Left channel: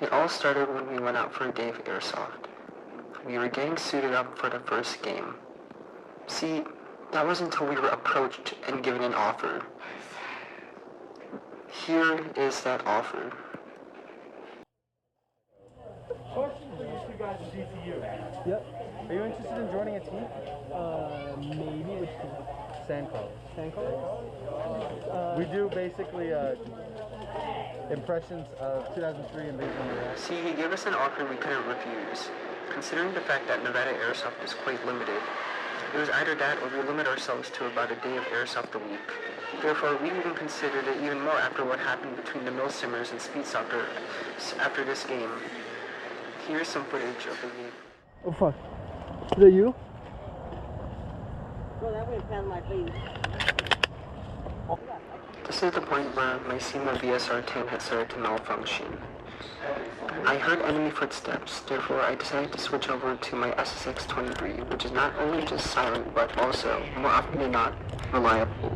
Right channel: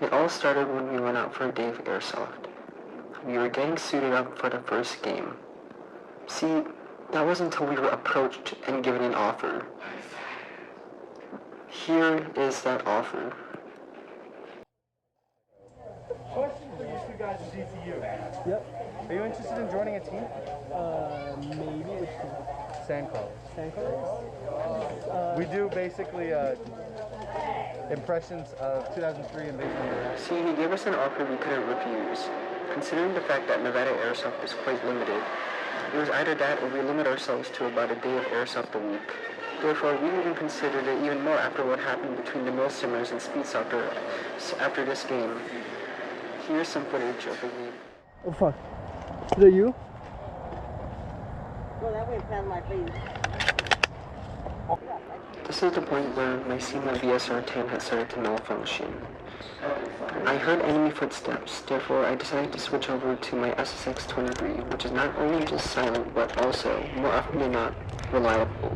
It all started when we went out for a day of Airsoft. We were getting suited up for the first game. See, that was until we were approached and given an offer. Here is that offer. Question for you two guys is DCU. Yep. Are you interested in joining a team? Maybe. Which team? Sandcrawlers. Sandcrawlers? We do basically impressions of 2003 invasion of Iraq. See, he gave us an offer we couldn't refuse. Considering the fact that Nevada Airsoft is quite limited, it was either that or we limit ourselves to about a day of Airsoft a week. Therefore, we even considered it even more after what happened between the Mill Simmers and Speedsofter after this game. Here's some footage of the game. Oh fuck. Is that you? No, that went past my face. This is the point where my SEMA VSR-10 had started to malfunction. I heard enemy footsteps, therefore I decided to switch over to my SSX-23, which is not only just silent, but also, more often than not, reliable.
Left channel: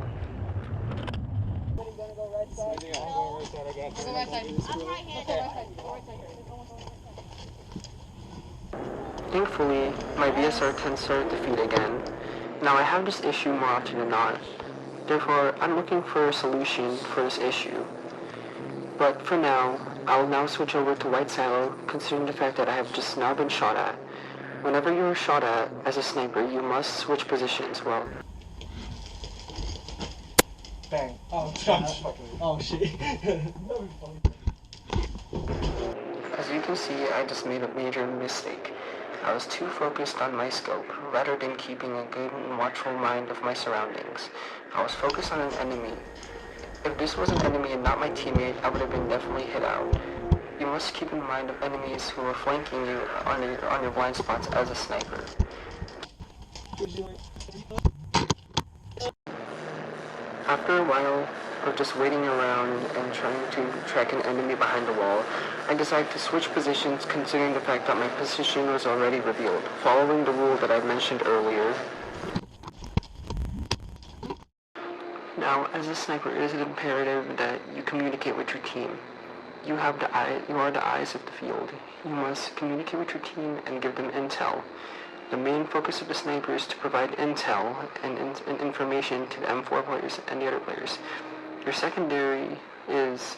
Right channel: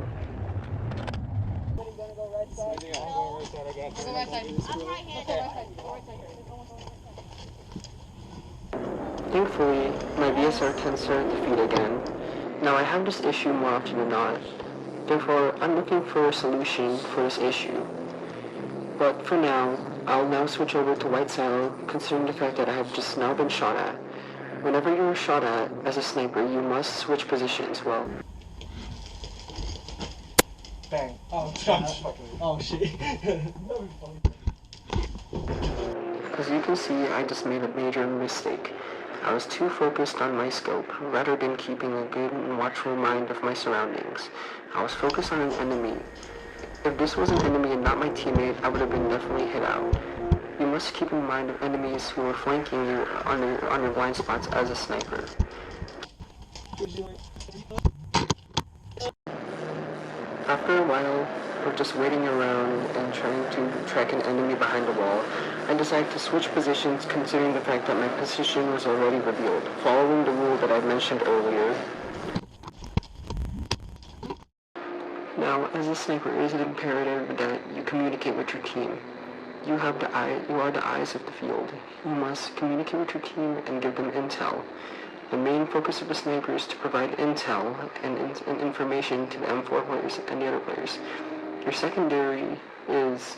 Thankfully, my VSR-10 started to feed again. Now I have this issue more often than not. Therefore, I'm looking for a solution for this issue. But for now, I'll now switch over to White Saddle, considering the fact that I have just now been shot at. Whenever you're shot at as a sniper, you must switch positions. Well, Bang. Oh, oh shit. as you can see, I just made a major mistake. I was too focused on my scope, rather than keeping a good and watchful mind of my surroundings. I was focused on an enemy. If this was an enemy and not my teammate, I would have been definitely hit out. You must keep in mind of enemies who are flanking you on your blind spots as a sniper. After a while of just waiting around and trying to track an enemy behind the wall, I decided to switch positions considering the fact that my position was already revealed, following the rule that I mentioned earlier. Now, as a sniper, it is imperative that you communicate with your team. You are the eyes of the field. You must communicate with your team and give them intel. The main focus of the sniper is to provide intel and information to the M4 players and the other players. Your secondary is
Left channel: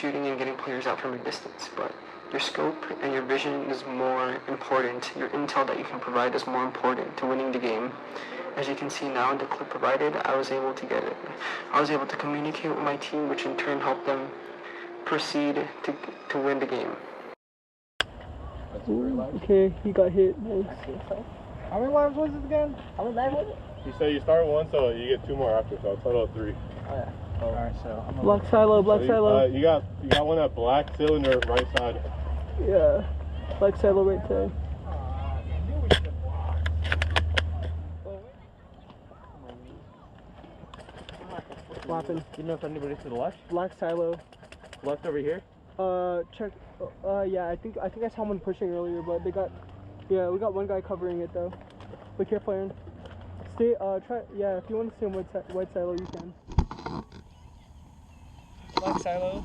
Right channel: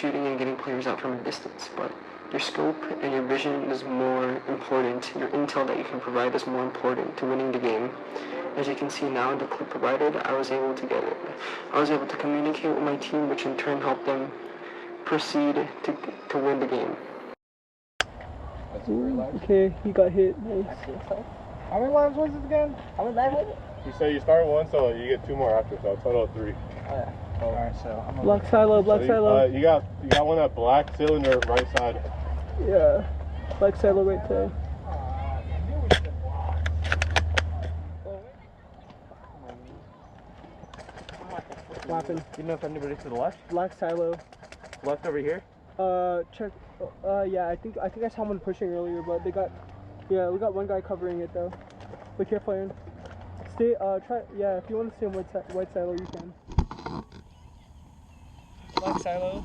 shooting and getting players out from a distance, but your scope and your vision is more important. Your intel that you can provide is more important to winning the game. As you can see now, the clip provided, I was able to get it. I was able to communicate with my team, which in turn helped them proceed to win the game. Okay, he got hit. Nice. How many lives was it again? How many lives was it? You say you start one, so you get two more after, so a total of 3. Oh, yeah. Alright, so I'm Black silo, black silo. You got one at black cylinder right side. Yeah, black silo right there. Flapping. Do you know if anybody's to the left? Black silo. Left over here? Check. Yeah, I think I saw someone pushing earlier, but we got one guy covering it though. Be careful, Aaron. Stay. Yeah, if you want to stay on white silo, you can. Black silo.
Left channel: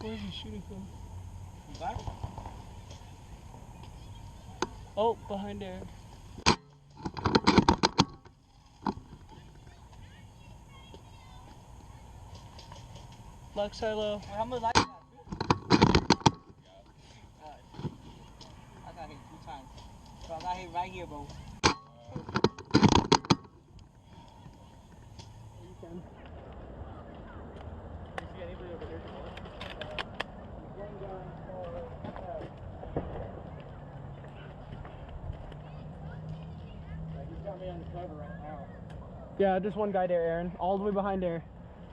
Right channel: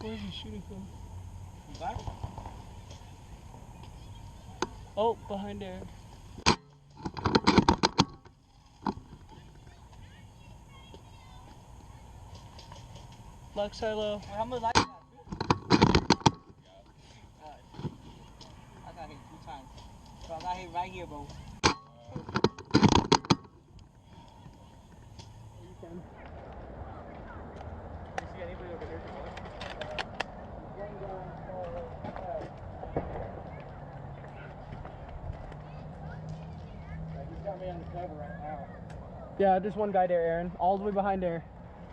Where is he shooting from? Back? Oh, behind there. Black silo. How much life you got? I got hit 2 times. So I got hit right here, bro. You can. You see anybody over here to the left? He's got me on the cover right now. Yeah, there's one guy there, Aaron. All the way behind there.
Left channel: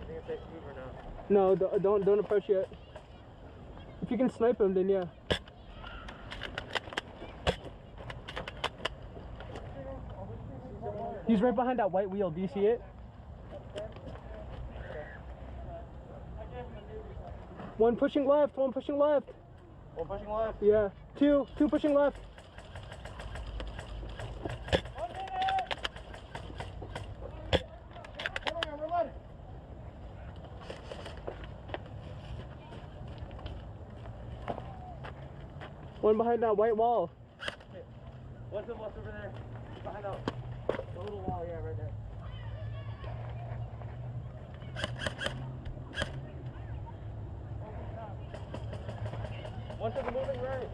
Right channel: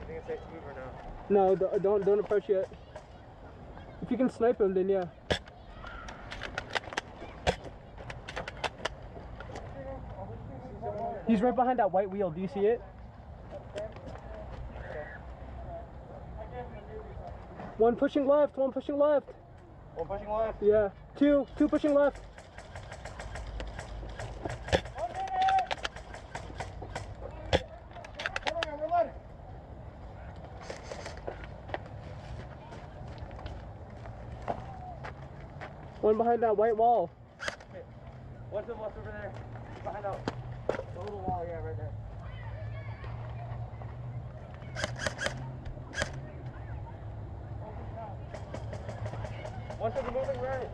I think it's safe to move or no? No, don't approach yet. If you can snipe him, then yeah. He's right behind that white wheel. Do you see it? One pushing left. One pushing left. One pushing left. Yeah. Two pushing left. One behind that white wall. One to the left over there. Behind out. The little wall, yeah, right there. One to the moving right.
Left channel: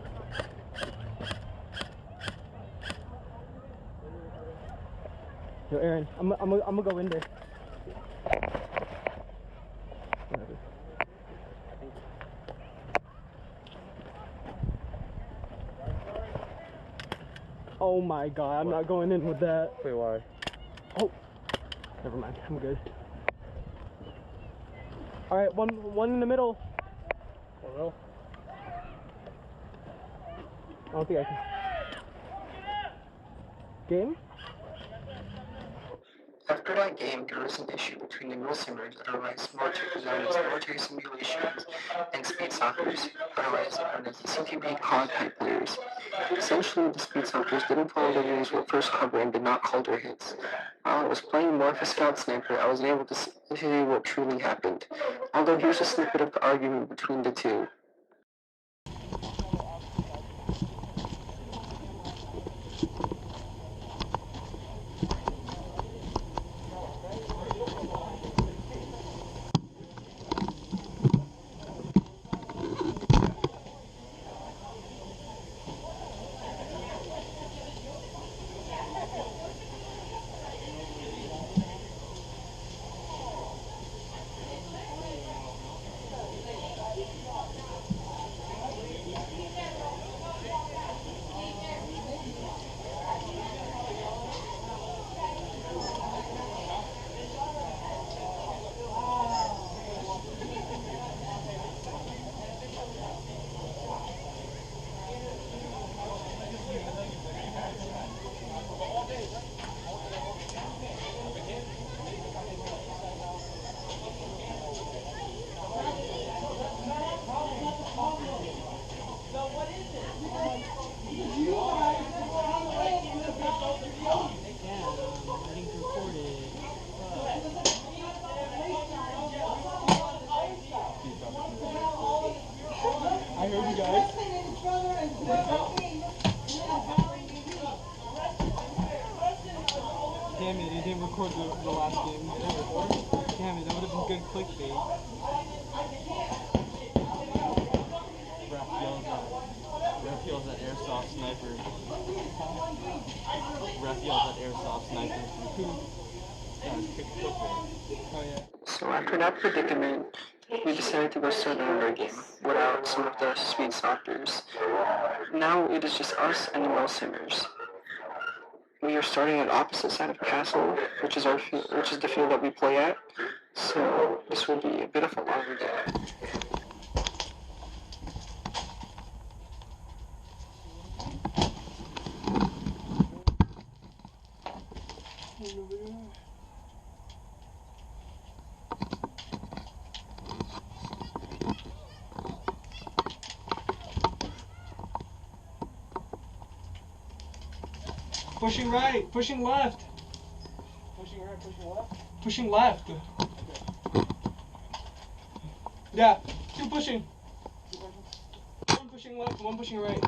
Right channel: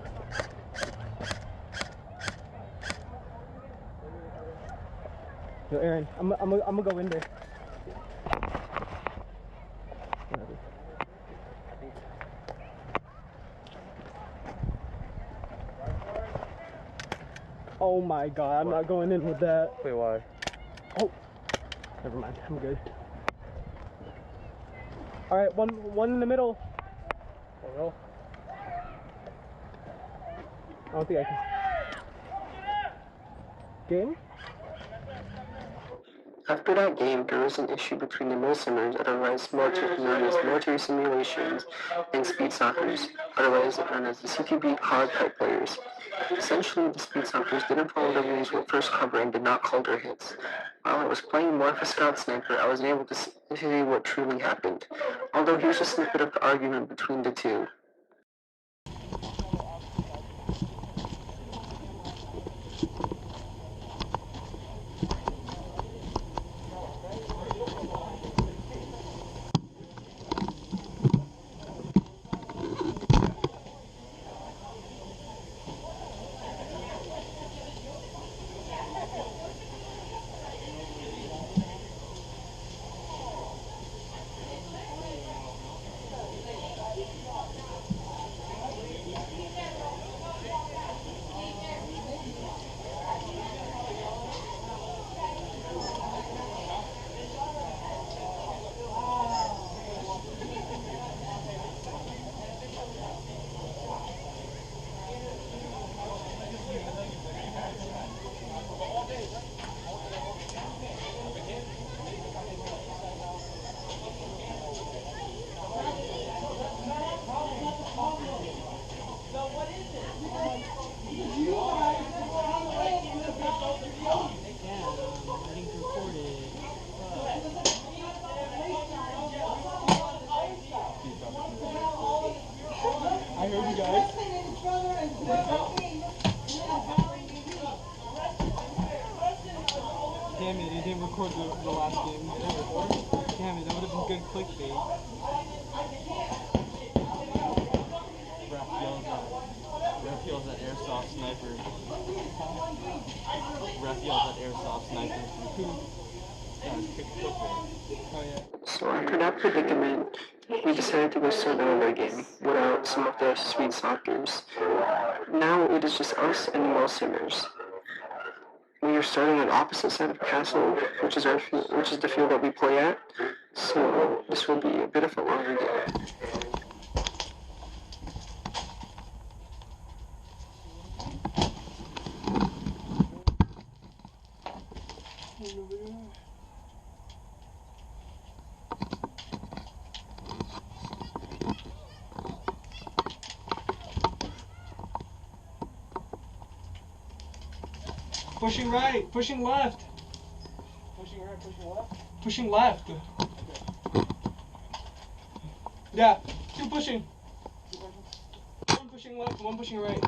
Yo, Aaron, I'm gonna go in there. Whatever. Oh my god, I'm not going in with that. Wait, why? Oh, never mind, I'm good. Alright, one in the middle. Oh no. I don't think I can. Game? After that game, there was an issue between the milsimmers, otherwise known as military simulations, and Speedsofters, otherwise known as the CTB COD type players. Essentially, the Speedsofters didn't follow the rules when first cover and did not call their hits. While I was playing more of a scout sniper, I was able to see what truly happened. Although here's a snippet of the argument between the two. I heard you guys. Damn it, it didn't record the last game. Damn it, that would have been good clickbait. Ref yells at Airsoft sniper. Ref yells at Airsoft sniper. Yeah, it's clickbait. Oh yeah. So after that predicament, we decided to go start another game without some of the Speedsofters. Now it is just us and the milsimmers. We are starting on opposite side of the castle, which is the field that we play at. So this will be a bit of a longer game. Pushing right, pushing left. Pushing right, pushing left. Pushing left. Yeah, two pushing. One pushing left, one pushing right.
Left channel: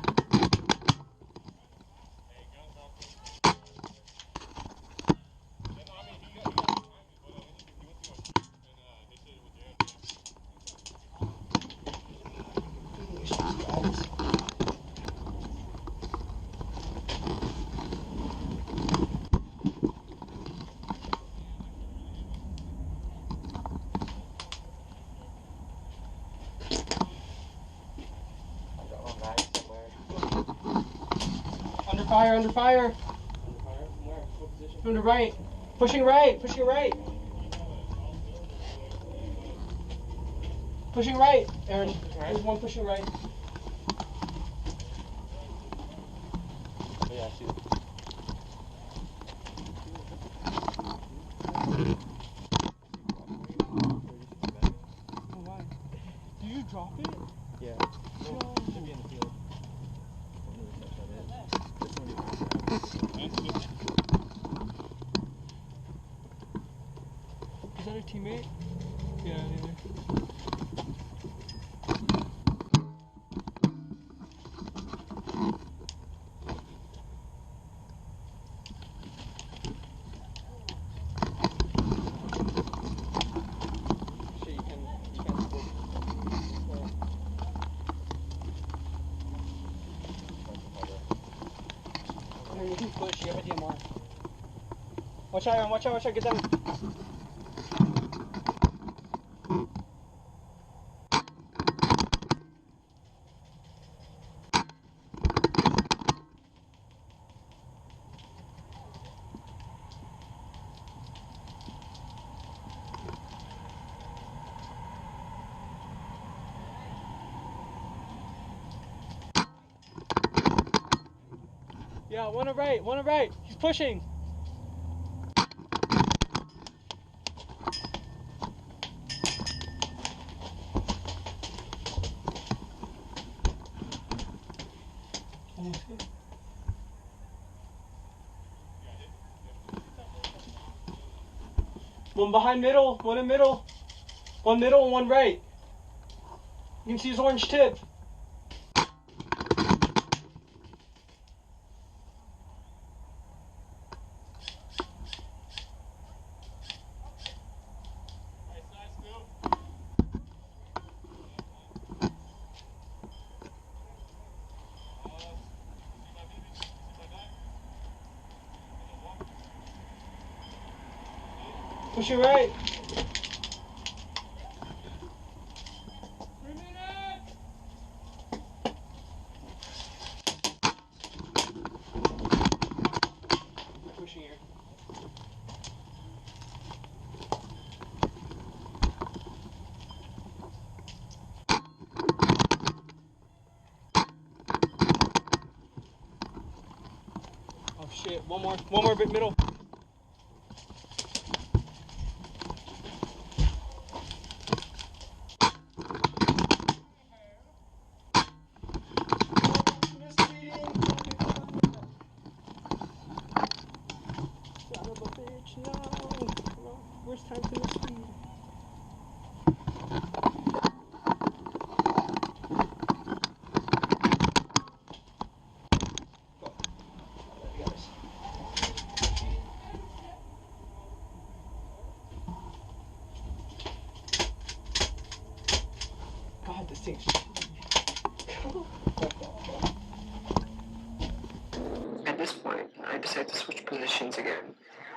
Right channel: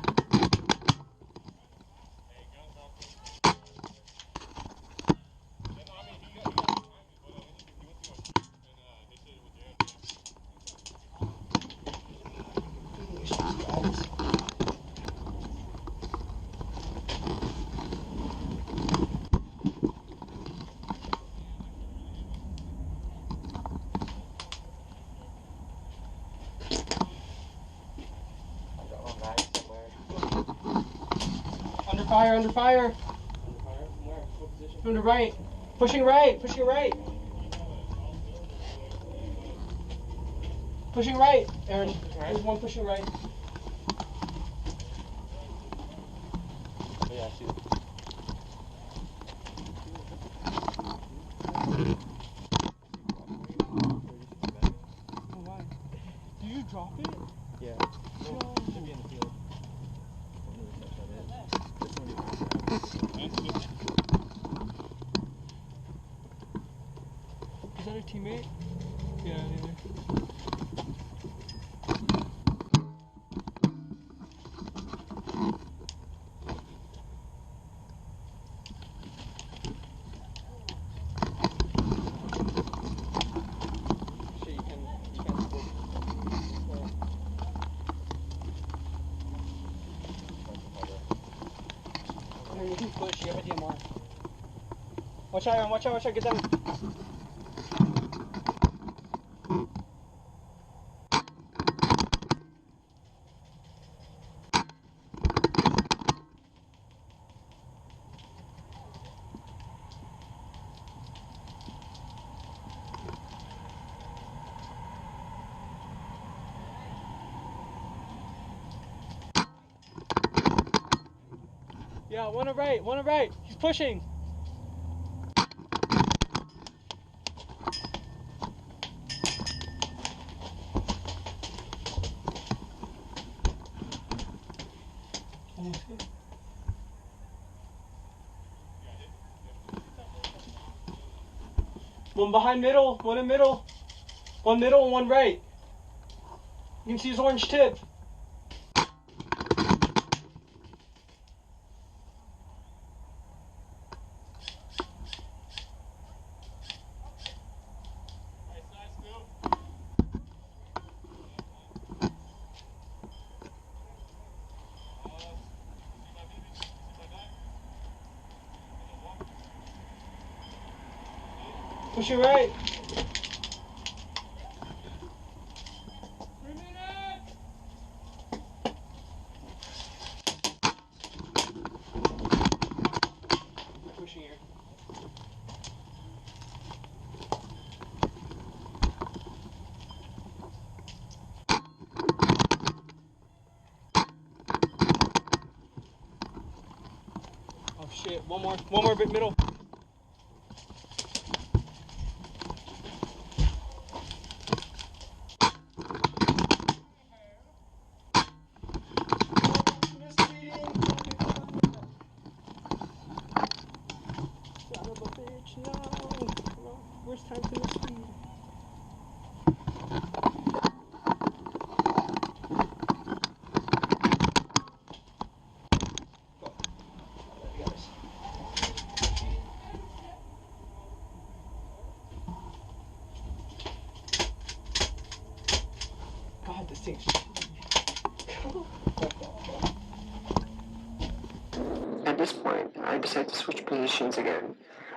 Under fire, under fire. From where? What position? From the right. Pushing right, pushing right. Pushing right, Aaron. There's one pushing right. Oh, yeah, I see it. Oh, why? Did you drop it? Yeah. Should be in the field. Is that a teammate? Yeah, yeah. Watch out, Aaron. Watch out, get down. Yeah, one on right. He's pushing. One behind middle, one in middle. One middle and one right. You can see his orange tip. Push it right. Pushing here. Oh shit, one more bit middle. Worst time to mislead. God, this thing's At this point, I decided to switch positions again.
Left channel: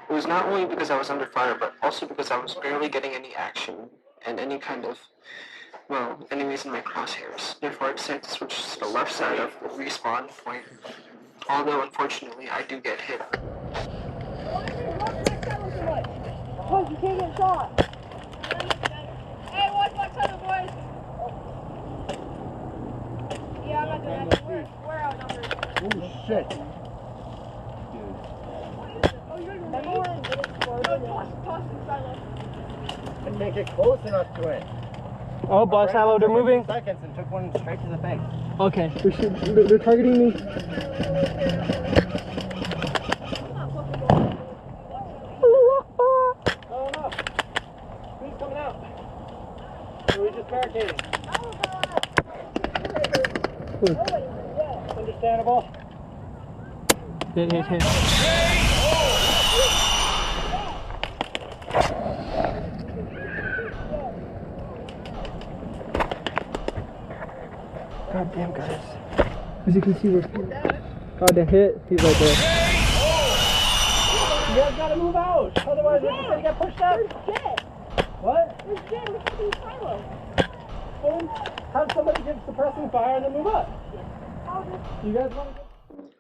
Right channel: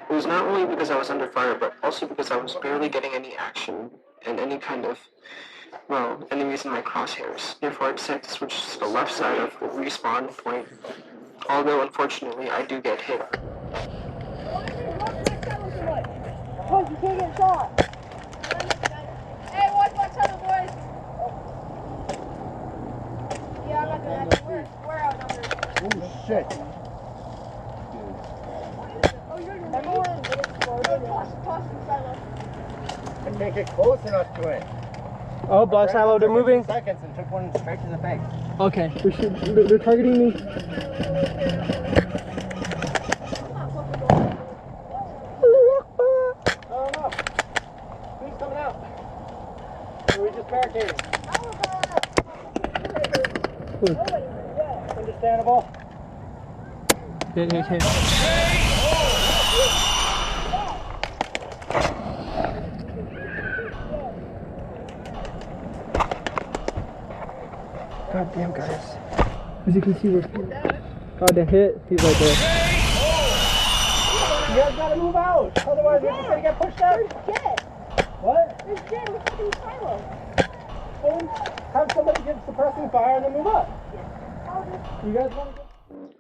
It was not only because I was under fire, but also because I was barely getting any action and any kind of, well, enemies in my crosshairs. Therefore, I decided to switch to the left side of the respawn point, although unfortunately I do get hit. Cause you can't get shot. Hey, watch out, boys. Yeah, I'm not doing that. We're outnumbered. Oh shit. I can't get close enough to it. Oh, boss silo, they're moving. Seconds and took one straight to the face. Okay, they're targeting me. Oh no. Who's coming out? Or we just barricading? Understandable. Hit. God damn, guys. As you can see, we're... God, the hit. He's right there. You guys gotta move out. Otherwise, we're just gonna get pushed out. What? There's Jim, we're fucking silo. Have somebody give suppressing fire and then move up. You guys want to go?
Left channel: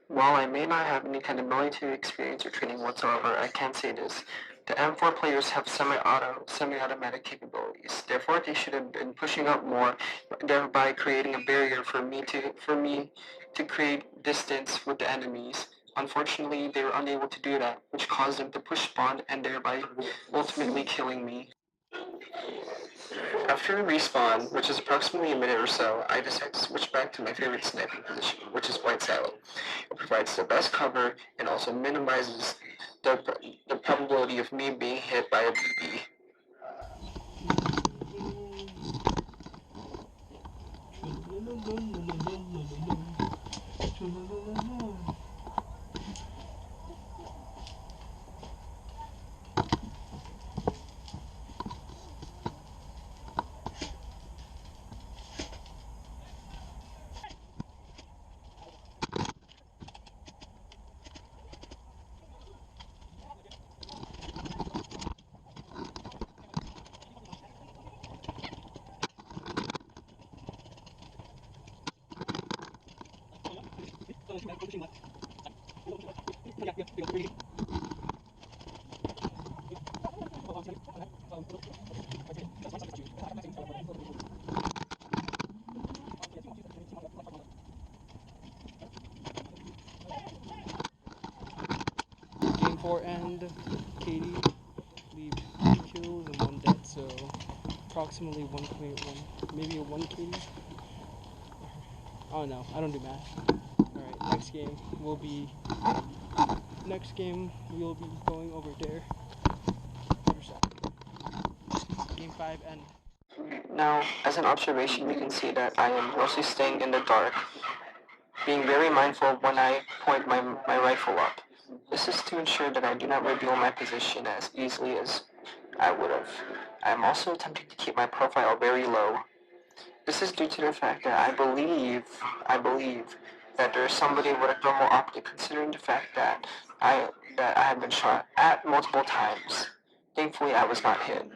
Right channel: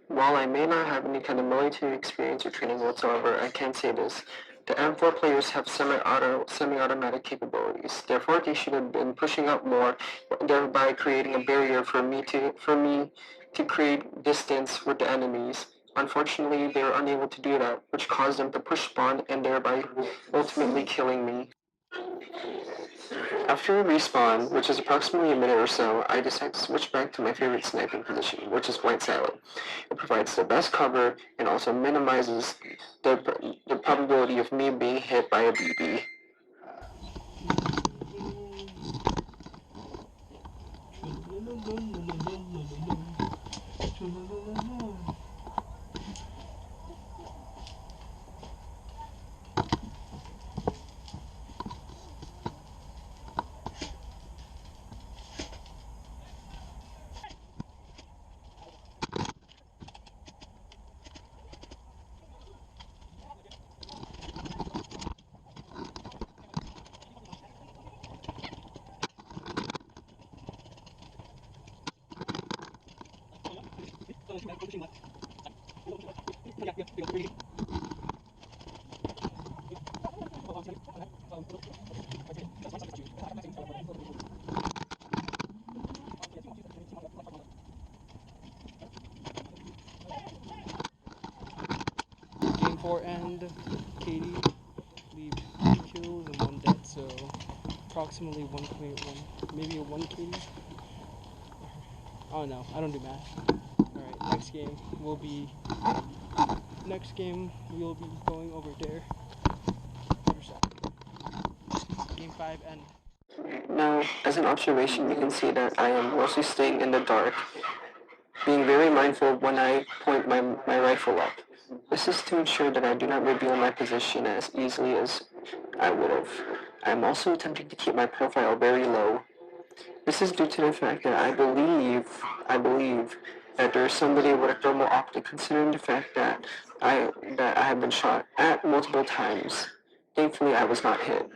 While I may not have any kind of military experience or training whatsoever, I can say this. The M4 players have semi-automatic capabilities. Therefore, they should have been pushing up more, thereby creating a barrier for me to create distance with the enemies. Unfortunately, they were unable to do that, which caused them to push spawn and thereby ultimately killing me. After a respawn, which is approximately a minute or so, I decide to switch back to my favorite sniping position, which is white silo. It provides the best cover and also minimizes the probability of me being hit by a BB. Game 4 end. Katie leave 2 kills and 1 dead, so approximately 1.1, maybe a 1 Katie. Oh no, I don't do math. Alright, next game will be we'll be going over there. Other side. Game 5 end. Now, as an observation, you can see that I am mostly staying in the dark, being very mindful when I point my rifle up. This is to ensure that I do not reveal my position as easily as I would have. I am also attempting to keep my profile very low. This is due to the fact that I believe that there is somebody with a thermal optic, considering the fact that I have been shot at multiple times. Thankfully, I was not hit.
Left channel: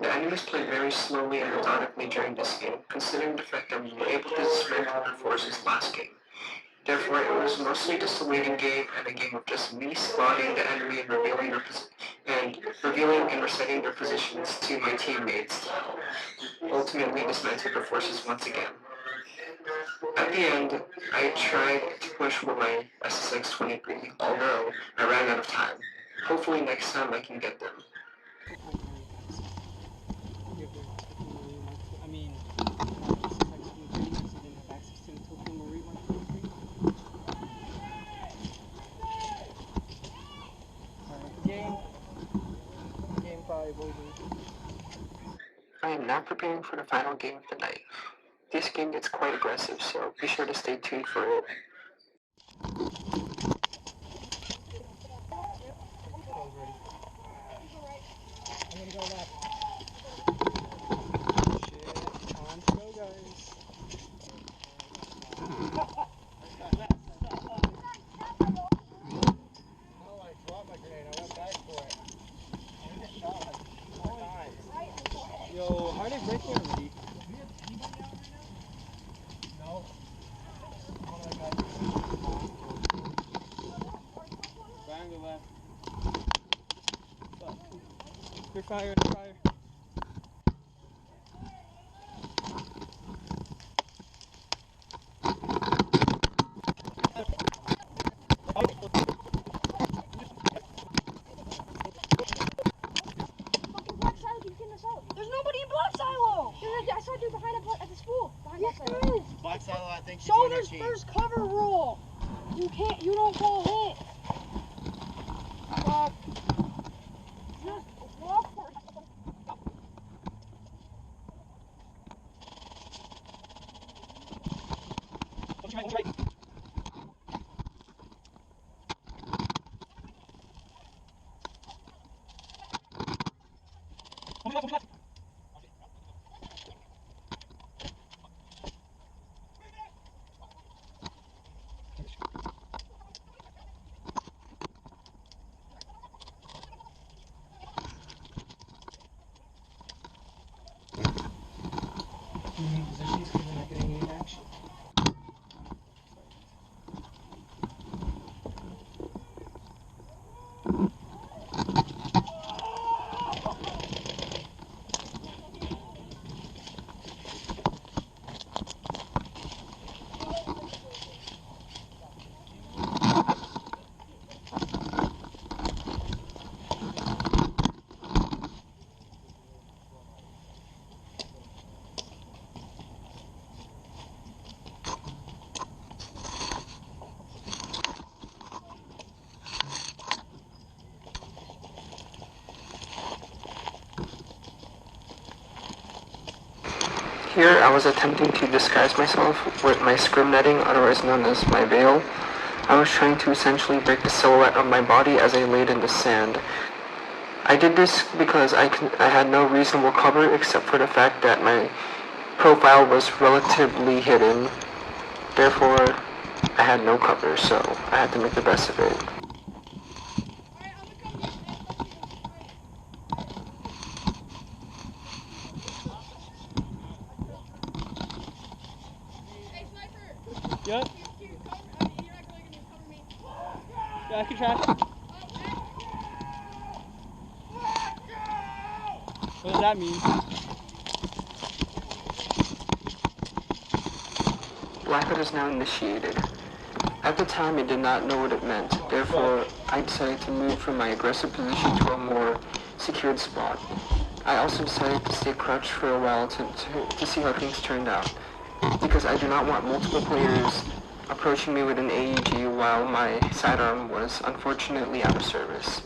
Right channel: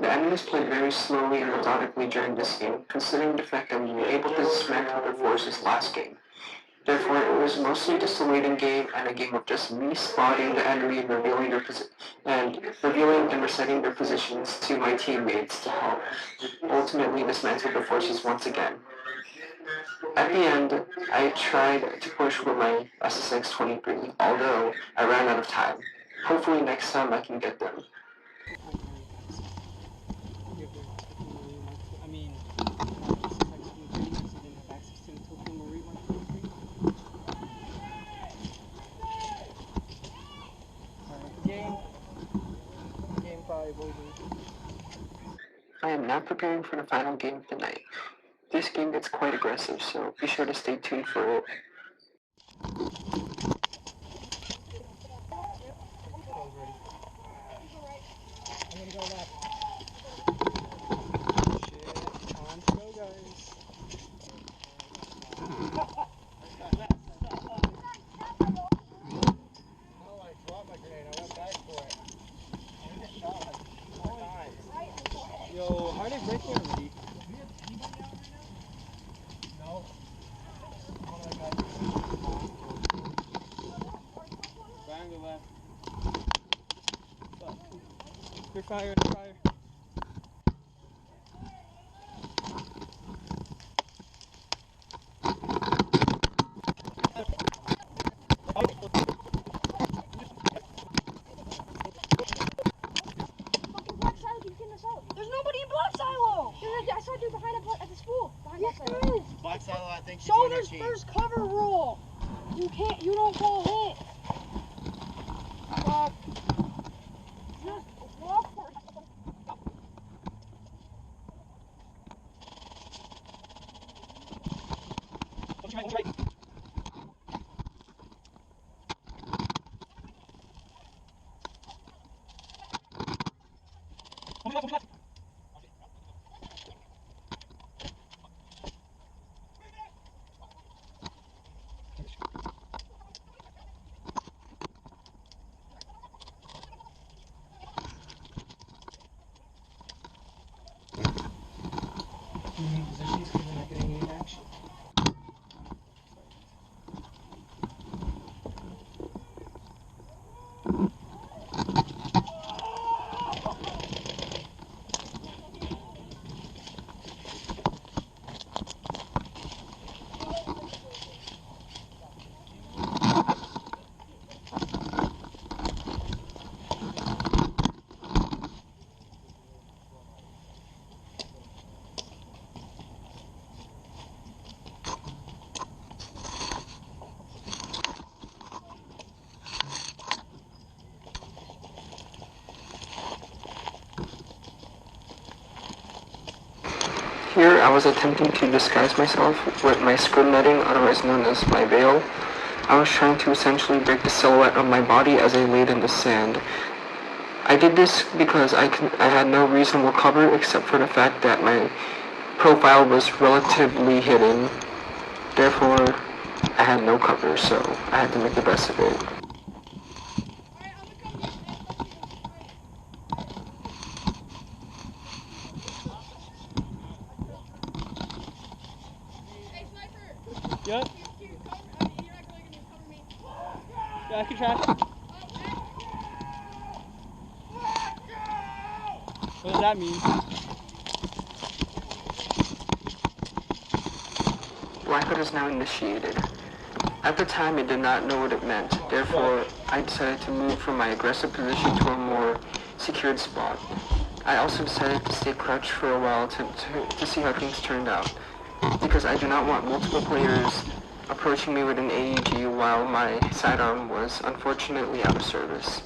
The enemies played very slowly and methodically during this game, considering the fact that we were able to dismantle their forces last game. Therefore, it was mostly just a waiting game and a game of just me spotting the enemy and revealing and reciting their positions to my teammates to help ultimately dismantle their forces once again. At the end, I tried to push with my SSX-23, although I ran out of time. Hopefully next time I can get them. I mean, not just access to the dream, so didn't have access to the Tokyo Marine 123. Alright, game 5 over. I am now preparing for the final game of the night. This game gets quite aggressive, so be sure to stay tuned for it. I'm gonna go left. Shit, time to go, guys. No, I dropped my grenade. I went back for it. I just shot like 4 times. Yo, how are they breaking already? No. Triangle left. They're fire. There's nobody in Black Silo! I saw a dude behind at the school. Behind Black Silo. Black Silo, I think she's So on her there's team. first cover rule. You don't fall hit. Just walk for it. Here, I was attempting to disguise myself with my scrub netting, otherwise known as my veil. I was trying to essentially break the silhouette of my body as I laid in the sand. I did this because I had no reasonable cover except for the fact that my profile was relatively hidden. Therefore, I had no cover, so I had to make the best of it. Yep. Yeah, I can try. What does that mean? Blackout is now initiated. At the time, I did not know what it meant. Therefore, I decided to move from my aggressive position to a more secured spot. I also decided to stay crouched for a while to see how things turned out, because I do not want multiple players approaching me with an AED while my sidearm was unfortunately out of service.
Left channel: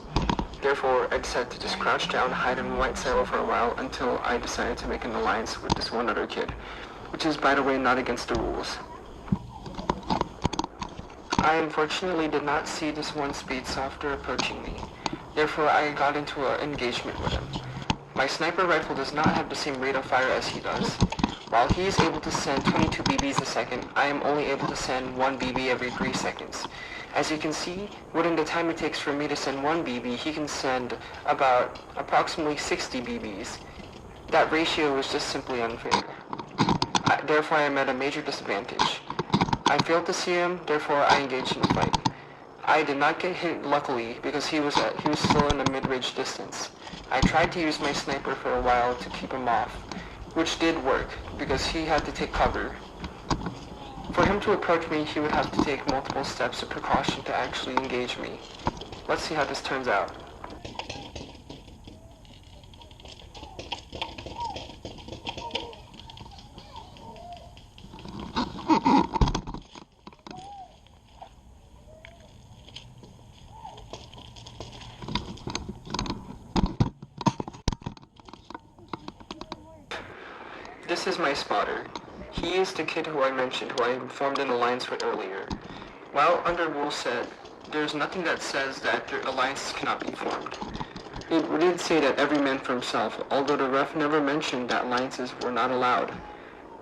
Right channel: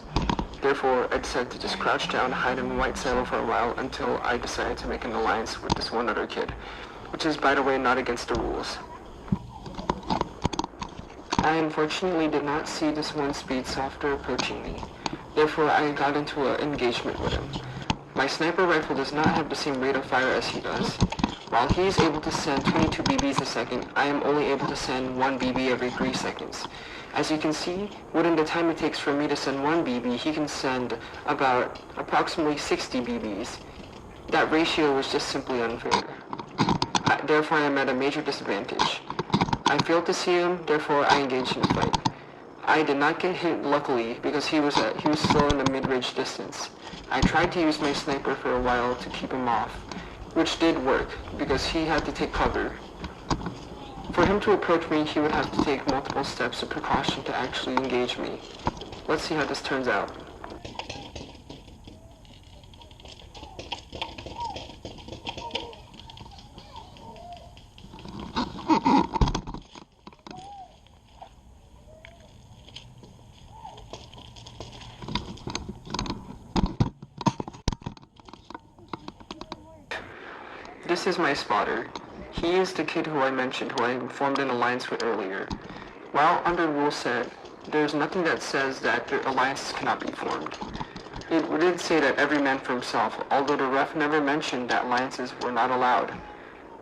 Therefore, I decided to just crouch down, hide in one saddle for a while until I decided to make an alliance with this one other kid, which is, by the way, not against the rules. I unfortunately did not see this one Speedsofter approaching me. Therefore, I got into an engagement with him. My sniper rifle does not have the same rate of fire as he does. While he is able to send 22 BBs a second, I am only able to send 1 BB every 3 seconds. As you can see, within the time it takes for me to send 1 BB, he can send approximately 60 BBs. That ratio is just simply unfair. Therefore, I am at a major disadvantage. I failed to see him, therefore I engaged in a fight. I did not get hit, luckily, because he was still in a mid-range distance. I tried to use my sniper for a while to keep him off, which did work, because he had to take cover. For him to approach me, he would have to take multiple steps of precaution to actually engage me. Let's see how this turns out. This is my spotter. He is the kid who I mentioned, who I formed an alliance with earlier. While under rule set, there's nothing that says that their alliances cannot be formed. It did say that every man for himself, although the ref never mentioned that alliances were not allowed.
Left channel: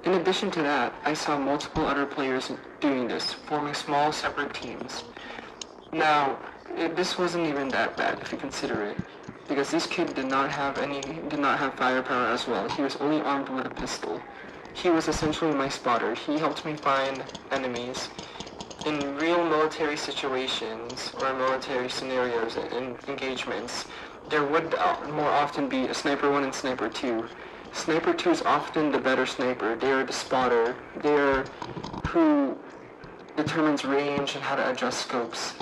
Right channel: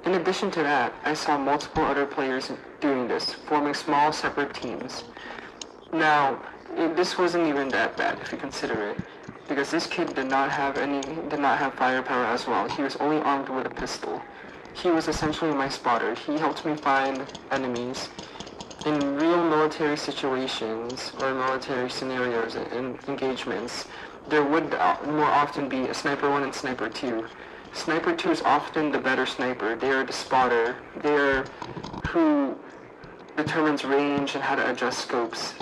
In addition to that, I saw multiple other players doing this, forming small separate teams. Now, this wasn't even that bad if you consider it, because this kid did not have firepower as well. He was only armed with a pistol. He was essentially my spotter. He helped me find enemies. In real military situations or military scenarios and engagements, there would more often be a Sniper 1 and Sniper 2. Sniper 2 is often the better sniper. They are the spotter. They are who determines range and how to adjust scopes,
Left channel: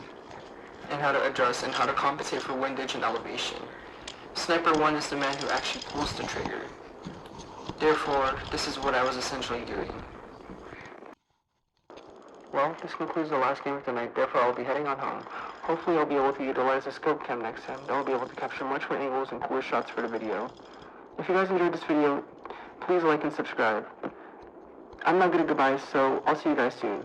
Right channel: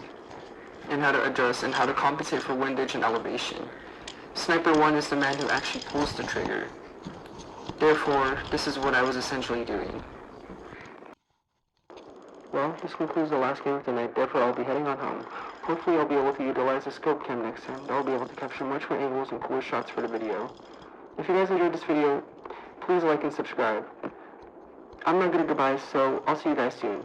and how to adjust and how to compensate for windage and elevation. Sniper 1 is the man who actually pulls the trigger. Therefore, this is what I was essentially doing. Well, this concludes the last game of the night, therefore I'll be heading on home. Hopefully I'll be able to utilize the scope cam next time. I'll be able to capture much more angles and cooler shots for the video. If you guys enjoyed this video, please like and subscribe. I'm not good at goodbyes, so I'll see you guys soon.